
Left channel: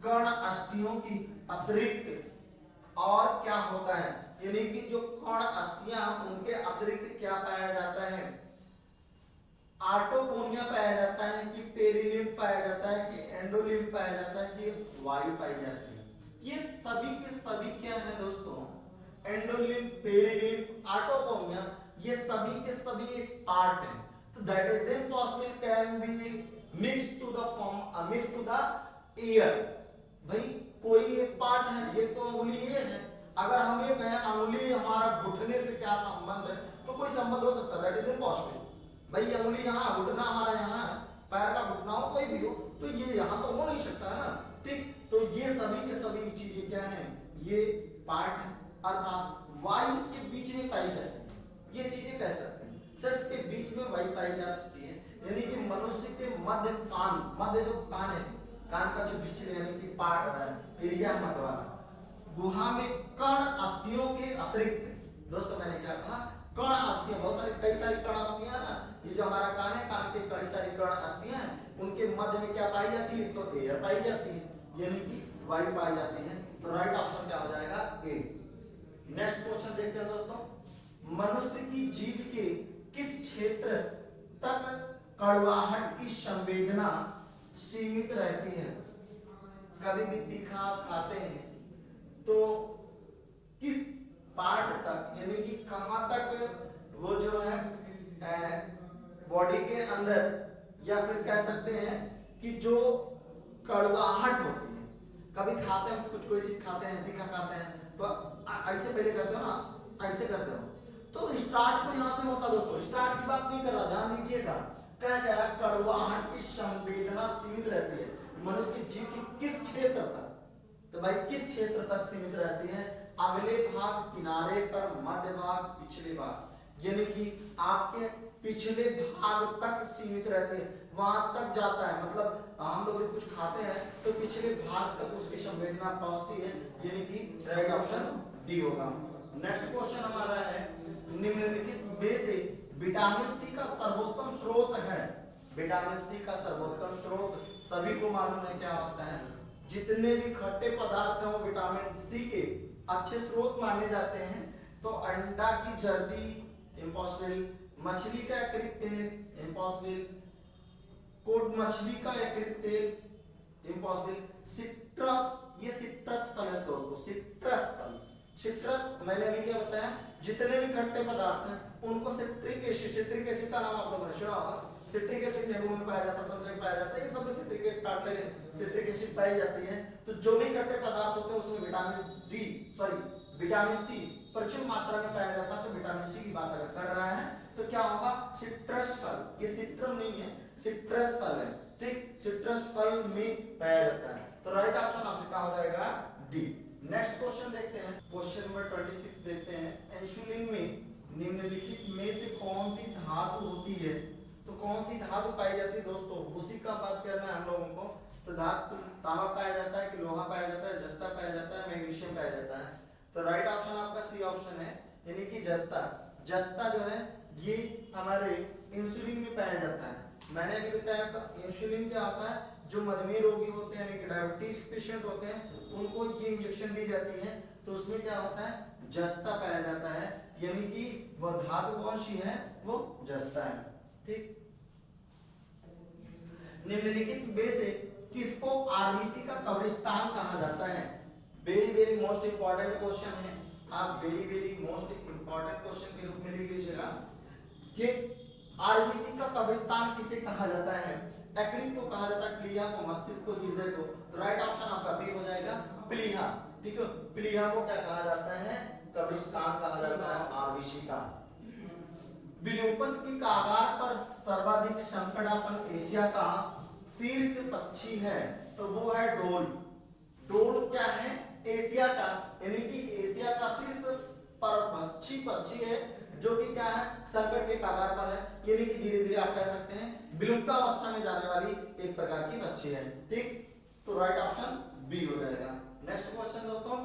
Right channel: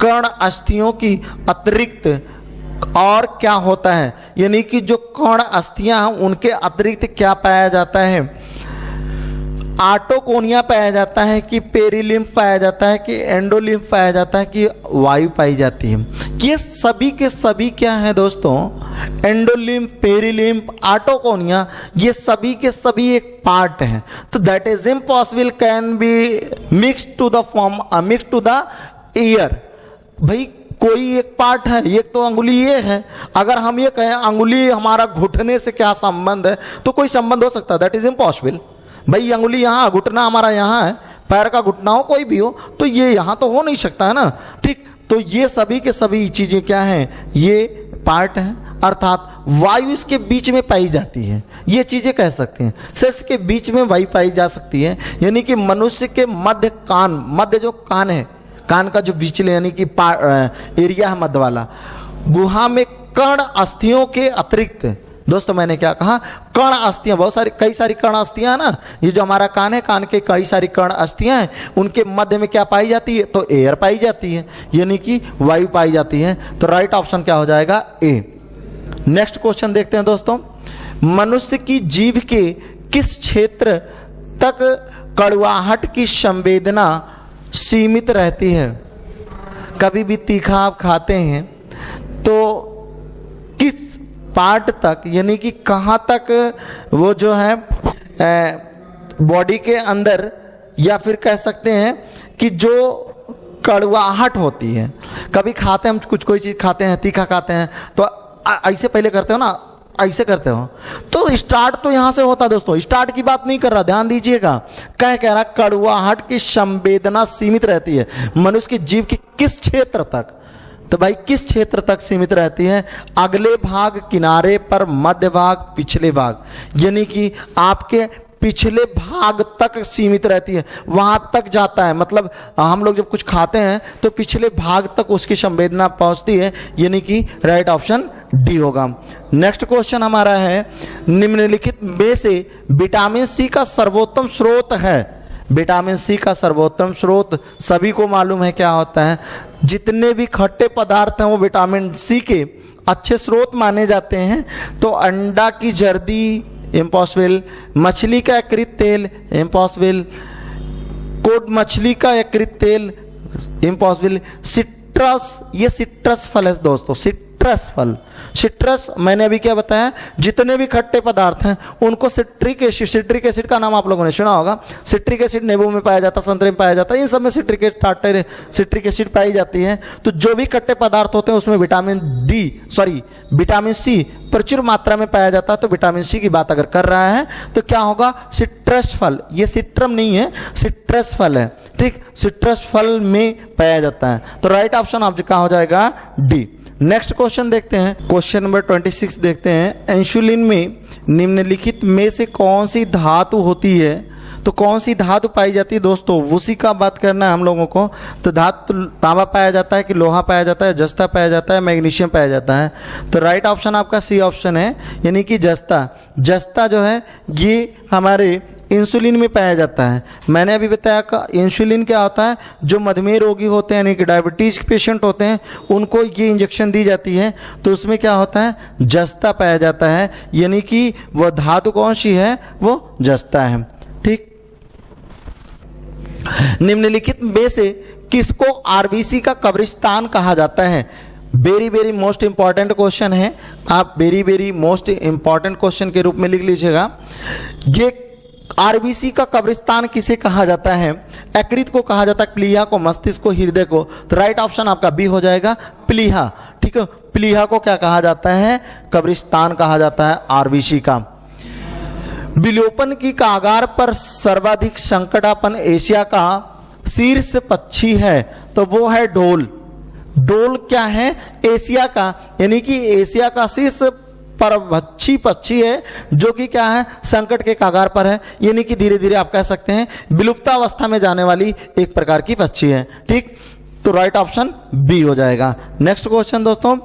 कर्ण अस्थियों की अतिरिक्त और क्या होता है? यानी कि जो कर्ण अस्थियां हैं उनके अतिरिक्त क्या पाया जाता है? आटोकोनिया पाया जाता है कि पेरिलिम्फ पाया जाता है कि एंडोलिम्फ पाया जाता है कि वायु पाई जाती है? ये सभी के सभी क्या है दोस्तों? एंडोलिम्फ, पेरिलिम्फ, आटोकोनिया, ये सभी के सभी एक पार्ट हैं। तो that is impossible can be mix to the form, mix to the year. भाई कोई एक पार्ट है, एक तो अंगुली ये है। अगर हम ये कहें अंगुली हमारा घुटने से क्या संबंध है, तो कोई संबंध हो सकता है? That is impossible. भाई अंगुली यहाँ, घुटना हमारा यहाँ है, पैर का घुटना हो कोई भी हो, तो ये यहाँ तो हो नहीं सकता है ना। ठीक, तो ये सभी के सभी चीजें क्या हैं? ये पार्ट हैं, अर्थात वायु इसके बीच में पाई जाती है, ये चीजें कह सकते हैं। सिर्फ के बीच में वायु पाई जा सकती है, यानी कि मनुष्य के मध्य कान, मध्य जो कान है, कान का जो बीचले यानी कि एरिया है मध्य वाला, गुहा में कर्ण अस्थियों के अतिरिक्त, दोस्तों मैंने क्या कहा? कर्ण अस्थियां, बहुत सारी, कई सारी कर्ण अस्थियां है ना। ये जो हमारा कान है, कान के कई सारी कर्ण अस्थियां हैं, उनके मध्य में क्या पाई जाती है? तो एयर पाई जाती है, यानी कि वायु पाई जाती है। तो राइट ऑप्शन क्या हो जाएगा? ए। नेक्स्ट क्वेश्चन देखते हैं दोस्तों। मनुष्य की जीभ के किस क्षेत्र तक कड़वाहट की संवेदना सीमित रहती है? कभी भी तीखा आप खाते हैं तो किस पार्ट तक, यानी कि कहाँ तक वो जो है बॉडी के अंदर, या फिर कह सकते हैं कि जो कड़वाहट होती है, कभी खाते हैं हम कुछ, कोई चीज़ खाते हैं, तीखा खाते हैं, तो ऐसे पहले करते हो ना, ऐसे करते हो, तो स्टार्ट तो यहाँ से होता है दोस्तों। स्टार्ट की बात नहीं कर रहा, ध्यान दीजिएगा। कह रहा कड़वाहट की संवेदना सीमित रहती है मनुष्य की जीभ के किस क्षेत्र तक? तो भाई किस क्षेत्र तक सीमित रहती है? अगले भाग, किनारे पर, मध्य भाग, पिछले भाग, यानी कि आपके पिछले भाग तक सीमित रहती है, वहां तक जाता है। मतलब हम लोग जब कुछ खाते हैं तो पिछले भाग तक उसकी संवेदना पहुंचती है, यानी कि राइट ऑप्शन डी होगा। नेक्स्ट क्वेश्चन हमारा है, निम्नलिखित में से विटामिन सी का सर्वोत्तम स्रोत है? विटामिन सी का सर्वोत्तम स्रोत सभी को मालूम है क्या होता है। जितने भी खट्टे पदार्थ हैं वो विटामिन सी के अच्छे स्रोत माने जाते हैं। तो अंडा की जर्दी इम्पॉसिबल, मछली का यकृत तेल इम्पॉसिबल, कोड मछली का यकृत तेल इम्पॉसिबल, सिट्रस, ये सिट्रस फल है दोस्तों, सिट्रस फल। सिट्रस मैंने अभी क्या बताया, जितने भी खट्टे पदार्थ हैं उनको सिट्रिक एसिड, सिट्रिक एसिड का नाम आप लोगों ने सुना होगा। सिट्रिक एसिड नींबू में पाया जाता है, संतरे में पाया जाता है, इन सब में सिट्रिक एसिड पाई जाती है। तो जो भी खट्टे पदार्थ होते हैं उसमें विटामिन सी प्रचुर मात्रा में पाया जाता है। तो विटामिन सी की बात अगर कर रहा है तो क्या होगा? सिट्रस फल, ये सिट्रम नहीं है, सिट्रस फल है। ठीक, सिट्रस फल में पाया जाता है। तो राइट ऑप्शन आपका हो जाएगा डी। नेक्स्ट क्वेश्चन देखते हैं, क्वेश्चन नंबर 26 देखते हैं। इंसुलिन में निम्नलिखित में से कौन सी धातु होती है? तो कौन सी धातु पाई जाती है दोस्तों, उसी का बात करना है हम लोगों को। तो धातु तांबा पाया जाता है कि लोहा पाया जाता है, जस्ता पाया जाता है, मैग्नीशियम पाया जाता है? तो राइट ऑप्शन आपका सी ऑप्शन है, यानी कि जस्ता। जस्ता जो है ये हमारे इंसुलिन में पाया जाता है। मैंने अभी बताया कि इंसुलिन क्या होता है, जो मधुमेह रोगी होते हैं यानी कि डायबिटीज पेशेंट होते हैं उनको ये इंजेक्शन दी जाती है, तो उसमें क्या होता है? जस्ता पाया जाता है, यानी कि वह धातु कौन सी है? वो जस्ता है। ठीक, निम्नलिखित में से किसको आरबीसी का कब्रिस्तान कहा जाता है? Very very most important question है, आप very very most important question के रूप में लिख लीजिएगा। ये आरबीसी का कब्रिस्तान किसे कहा जाता है? यकृत को कहा जाता है, प्लीहा को, मस्तिष्क को, हृदय को। तो राइट ऑप्शन आपका बी हो जाएगा, प्लीहा। ठीक है, प्लीहा को क्या कहा जाता है? कब्रिस्तान कहा जाता है आरबीसी का। विलोपन की कागार पर सर्वाधिक संकटापन एशिया का शीर्ष पक्षी है, तो वो है ढोल। ढोल क्या है? एशिया का, यानी कि एशिया का शीर्ष परभक्षी पक्षी है, जो कि क्या है? संकट के कागार पर है, यानी कि धीरे धीरे आप कह सकते हैं विलुप्तावस्था में जाने वाली एक प्रकार की पक्षी है। ठीक, तो राइट ऑप्शन बी हो जाएगा। नेक्स्ट क्वेश्चन दोस्तों,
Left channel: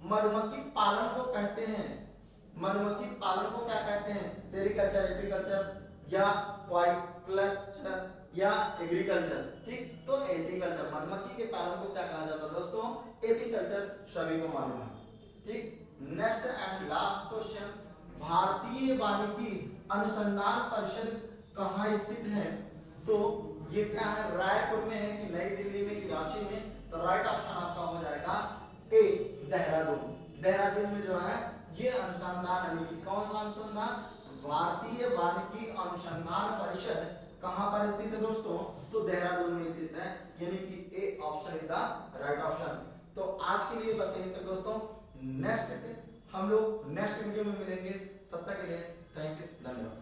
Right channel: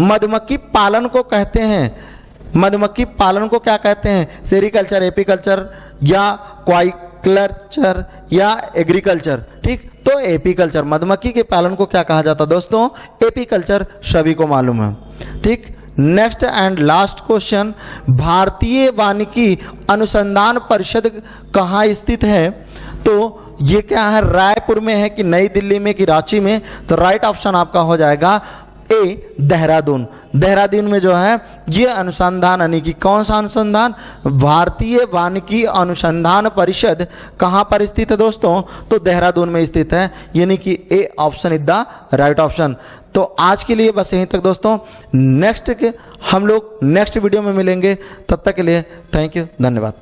मधुमक्खी पालन को कहते हैं, मधुमक्खी पालन को क्या कहते हैं? सेरिकल्चर, एपीकल्चर या क्वाइकल्चर या एग्रीकल्चर? ठीक, तो एपीकल्चर, मधुमक्खी के पालन को क्या कहा जाता है दोस्तों? एपीकल्चर, सभी को मालूम है। ठीक, नेक्स्ट एंड लास्ट क्वेश्चन, भारतीय वानिकी अनुसंधान परिषद कहाँ स्थित है? तो ये क्या है, रायपुर में है कि नई दिल्ली में कि रांची में? तो राइट ऑप्शन आपका हो जाएगा ए, देहरादून। देहरादून में जो है ये अनुसंधान, यानी कि कौन सा अनुसंधान? भारतीय वानिकी अनुसंधान परिषद कहाँ पर स्थित है दोस्तों? तो देहरादून में स्थित है, यानी कि A option is the right option. तो आज के लिए बस यहीं तक दोस्तों, नेक्स्ट के हम लोग नेक्स्ट वीडियो में मिलेंगे, तब तक के लिए थैंक यू, धन्यवाद।